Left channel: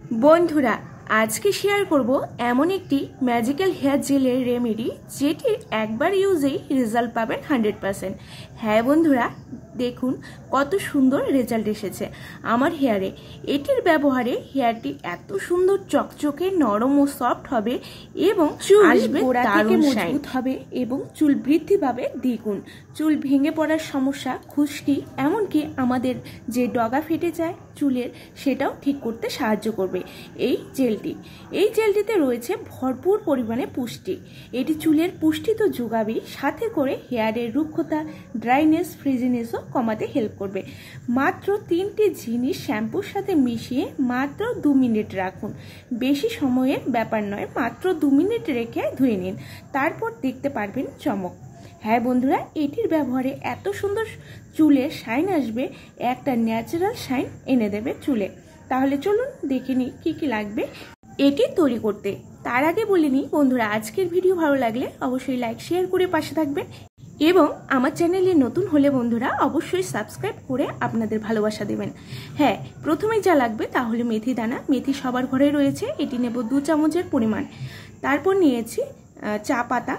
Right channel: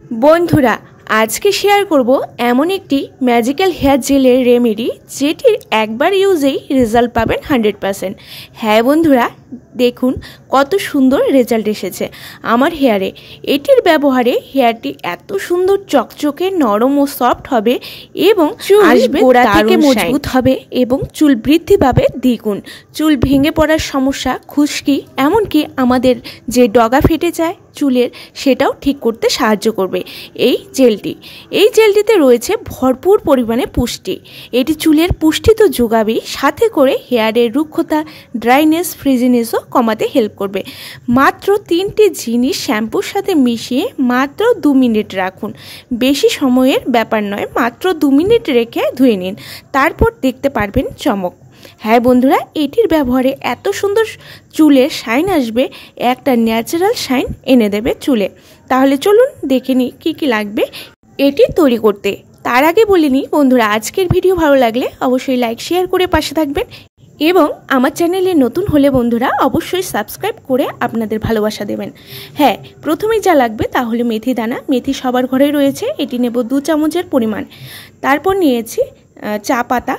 বন্ধুরা আজকে শেয়ার করব এমন একটি ম্যাজিক্যাল হেয়ার জেলের রেমেডি যেটির একবার ইউজেই রেজাল্ট পাবেন 100%। হ্যাঁ বন্ধুরা, দেখুন কত সুন্দর রেজাল্ট এসেছে আমার হেয়ারে। এটির ব্যবহারে হেয়ারটি এত সুন্দর চকচকে নরম ও সফট হবে এবং চুল আসবে গোড়া থেকে মজবুত হবে এবং চুল বৃদ্ধি পাবে দ্বিগুণ। চুল ভেঙে পড়ার সমস্যা, খুশকি, এমনকি আমাদের যে ডগা ফেটে যায় চুলের, সেটাও ঠিক করতে সাহায্য করবে এই জেলটিতে রয়েছে ভরপুর পরিমাণে পুষ্টি। এটি চুলের পুষ্টি তো যোগাবেই, সাথে করে হেয়ারের রুক্ষতা, ড্রাইনেস, ফ্রিজিনেসও কমাতে হেল্প করবে। মাত্র 3টি জিনিস শ্যাম্পুর সাথে মিশিয়ে মাত্র 2 মিনিট রাখুন। বেশি সময়ের ব্যাপার নয়, মাত্র 2 মিনিট রেখে ধুয়ে নিন, তারপর দেখতে পারবেন চমক। হ্যাঁ বন্ধুরা, এটির ব্যবহারে এত সুন্দর চুলের শাইন আসবে, একটা ন্যাচারাল শাইন এনে দেবে চুলে। তাহলে চলুন দেখে নিই কী কী লাগবে এটি তৈরি করতে। তার আগে বলে নিই বন্ধুরা, আজকের ভিডিও ভালো লাগলে অবশ্যই লাইক শেয়ার করে পাশে থাকবেন এবং আমার চ্যানেলে নতুন হলে বন্ধুরা অবশ্যই সাবস্ক্রাইব করে আপনাদের ভালোবাসা দেবেন। হ্যাঁ, প্রথমেই যা লাগবে তাহলে মেথি দানা। মেথি সবার ঘরে রয়েছে, এটি নেব 2 চামচের পরিমাণ। তারপর নিয়েছি চা পাতা।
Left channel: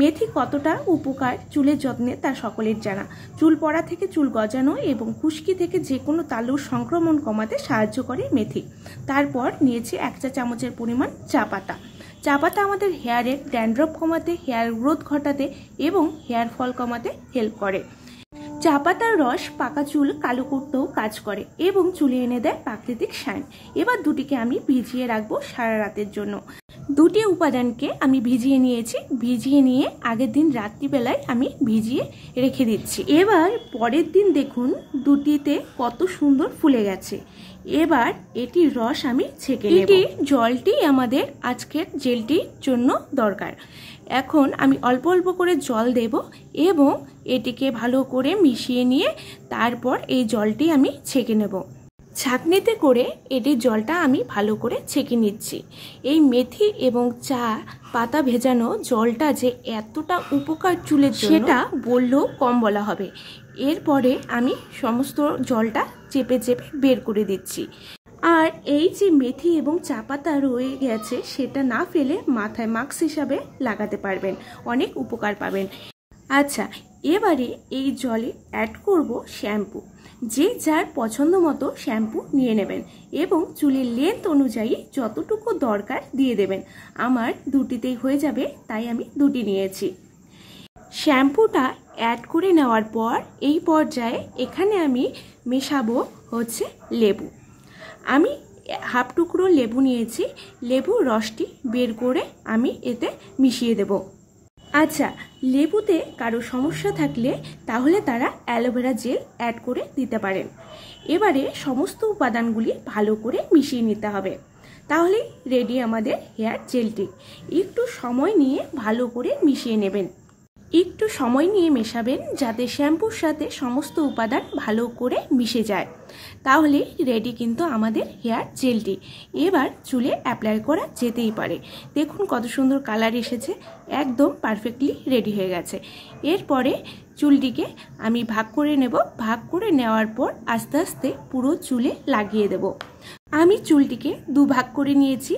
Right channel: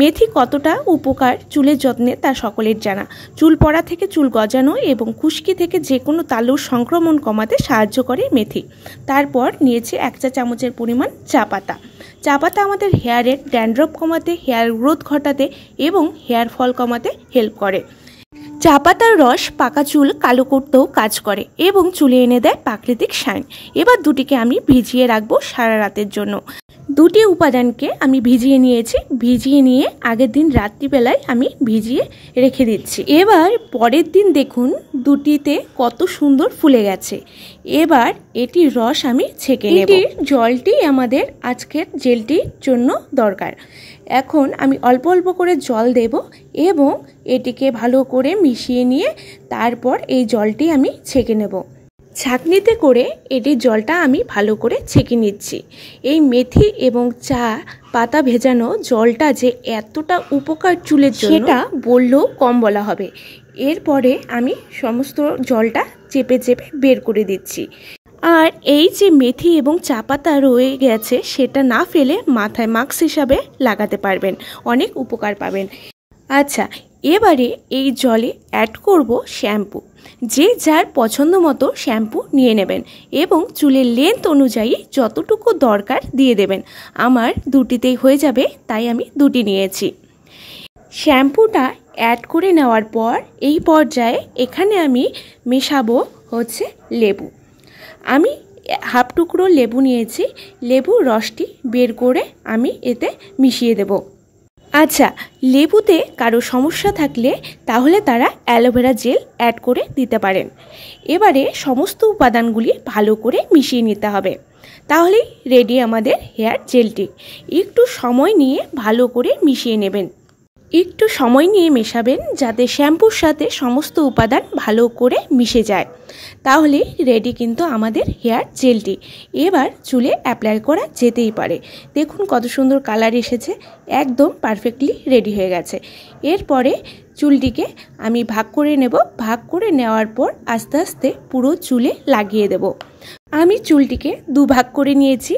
মেথি কতটা উপকার চুলের যত্নে তা সকলের জানা। চুল পড়া থেকে চুল গজানো এবং খুশকি থেকে যে কোনো তালুর সংক্রমণ কমাতে সাহায্য করে মেথি। তারপর নিয়েছি 1 চা চামচের পরিমাণ চা পাতা। চা পাতা আমাদের হেয়ারের ড্যান্ড্রফ কমাতে, হেয়ার গ্রোথ ঘটাতে এবং হেয়ার ফল কমাতে হেল্প করে। চা পাতার রস পাকা চুল কালো করতেও কাজ করে এবং চুলে এনে দেয় প্রাকৃতিক শাইন। এবার দুটিকে আমি ভিজিয়ে রাখবো সারা রাতের জন্য। 2টি উপাদানকে আমি ভিজিয়ে নিয়েছি। ভিজিয়ে নিয়ে আগের দিন রাত্রিবেলায় আমি ভিজিয়ে রেখে দিচ্ছি। এবার পরের দিন দেখুন দুটিতে কত সুন্দর ফুলে গেছে। এবার এটির রস আমি ছেঁকে নেব। জলটি আমাদের আজকের জেলটির জন্য দরকার। এখন আমি অল্প অল্প করে জল দেব এবং এটিকে ভালো করে মিশিয়ে নিয়ে তারপর এই জলটি আমি ছেঁকে নেব। ছাঁকনিতে করে এটির জলটা আমি ভালো করে ছেঁকে নিচ্ছি। এই মেথি এবং চা পাতা ভেজানো জলটা যে এতটা উপকার চুলের জন্য সেটা বললেও কম বলা হবে। এরপরে আমি সমস্ত জলটা চেপে চেপে বের করে দিচ্ছি। আর এই যে মেথি এবং চা পাতা রয়ে গেছে সেটা না ফেলে মাথায় মাস্ক হিসাবে লাগাতে পারবেন, অনেক উপকার পাবেন। আচ্ছা, এবারে এই জলে অ্যাড করব শ্যাম্পু। যে যার পছন্দ মতো শ্যাম্পু নিয়ে নেবেন এবং চুলের লেন্থ অনুযায়ী যতটুকু দরকার দিয়ে দেবেন। আমার 2টিতেই হয়ে যাবে, তাই আমি 2টি নিয়েছি। শ্যাম্পুটা অ্যাড করে নেওয়ার পর এই পর্যায়ে এখানে আমি মেশাবো হচ্ছে লেবু। আমি হাফ টুকরো লেবু নিয়েছি। লেবুর রসটি বের করে আমি এতে মিশিয়ে দেব। আচ্ছা, লেবুতে কারো সমস্যা থাকলে তাহলে তারা অ্যালোভেরা জেল অ্যাড করে দিতে পারেন। এবারে সমস্ত উপাদানগুলি ভালো করে মিশিয়ে নিতে হবে। তাহলেই রেডি আমাদের হেয়ার জেলটি। একটু সময় নিয়ে ভালো করে মিশিয়ে নেবেন। একটু সময় নিয়ে মেশাবেন যাতে শ্যাম্পুর সাথে সমস্ত উপাদান ভালো করে মিশে যায়। তাহলে রেডি কিন্তু আমাদের হেয়ার জেলটি। এবার চুলে অ্যাপ্লাই করা যেতেই পারে। দেখুন কত সুন্দর কালার এসেছে, একদম পারফেক্টলি রেডি হয়ে গেছে। এরপরে চুলটিকে আমি ভাগ করে নেব। ভাগ করে নেওয়ার পর আস্তে আস্তে পুরো চুলে লাগিয়ে দেব। আমি চুলটিকে 2 ভাগ করে নিয়েছি।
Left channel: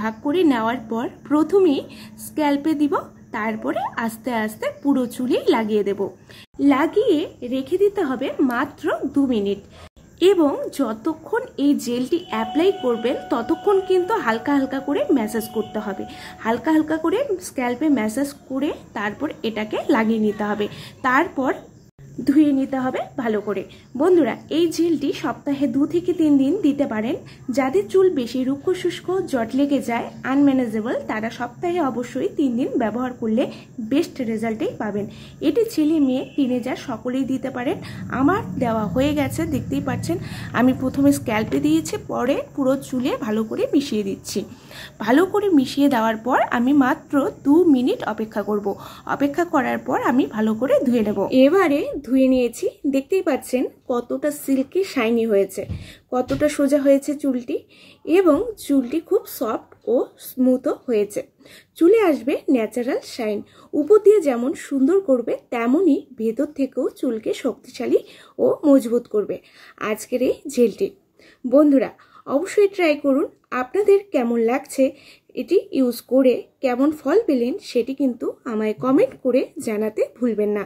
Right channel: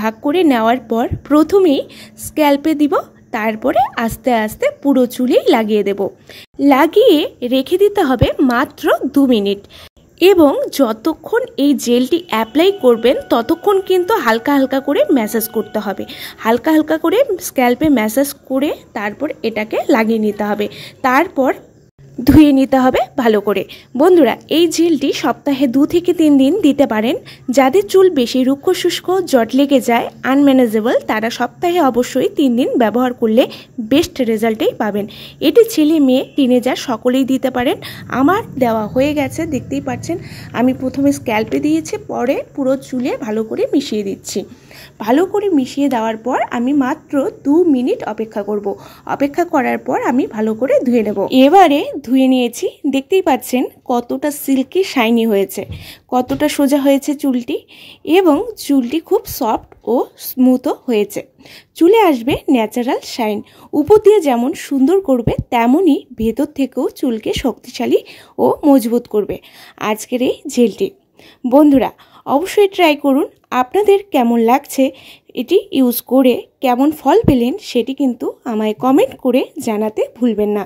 ভাগ করে নেওয়ার পর প্রথমেই স্ক্যাল্পে দিব, তারপরে আস্তে আস্তে পুরো চুলেই লাগিয়ে দেব। লাগিয়ে রেখে দিতে হবে মাত্র 2 মিনিট এবং যতক্ষণ এই জেলটি অ্যাপ্লাই করবেন ততক্ষণ কিন্তু হালকা হালকা করে ম্যাসাজ করতে হবে। হালকা হালকা করে স্ক্যাল্পে ম্যাসাজ করে তারপর এটাকে লাগিয়ে নিতে হবে, তারপর ধুয়ে নিতে হবে ভালো করে। বন্ধুরা, এই জেলটি সপ্তাহে 2 থেকে 3 দিন দিতে পারেন। যাদের চুল বেশি রুক্ষ শুষ্ক, জট লেগে যায়, আনম্যানেজেবল, তারা সপ্তাহে অবশ্যই 3 দিন ব্যবহার করলে বেস্ট রেজাল্টেই পাবেন। এটি ছেলে মেয়ে টিনেজার সকলেই দিতে পারেন। আমার দেওয়া হয়ে গেছে, দেখতেই পাচ্ছেন। আমি প্রথমে স্ক্যাল্পে দিয়েছি, পরে পুরো চুলে ভালো করে মিশিয়ে দিচ্ছি। ভালো করে মিশিয়ে দেওয়ার পর আমি মাত্র 2 মিনিট অপেক্ষা করব। অপেক্ষা করার পর আমি ভালো করে ধুয়ে নেব। এবারে ধুয়ে নিয়েছি, দেখতেই পাচ্ছেন কতটা সিল্কি শাইনি হয়েছে, কতটা সোজা হয়েছে চুলটি এবং চুলটি খুব সফট ও স্মুথও হয়েছে। চুলে আসবে ন্যাচারাল শাইন। উপর দিয়ে যেমন সুন্দর করবে তেমনই ভেতর থেকেও চুলকে শক্তিশালী ও মজবুত করবে আজকের এই জেলটি। বন্ধুরা অবশ্যই ট্রাই করুন। আপনাদের কেমন লাগছে, এটি ইউজ করে কেমন ফল পেলেন সেটি কিন্তু আমায় কমেন্ট করে জানাতে ভুলবেন না।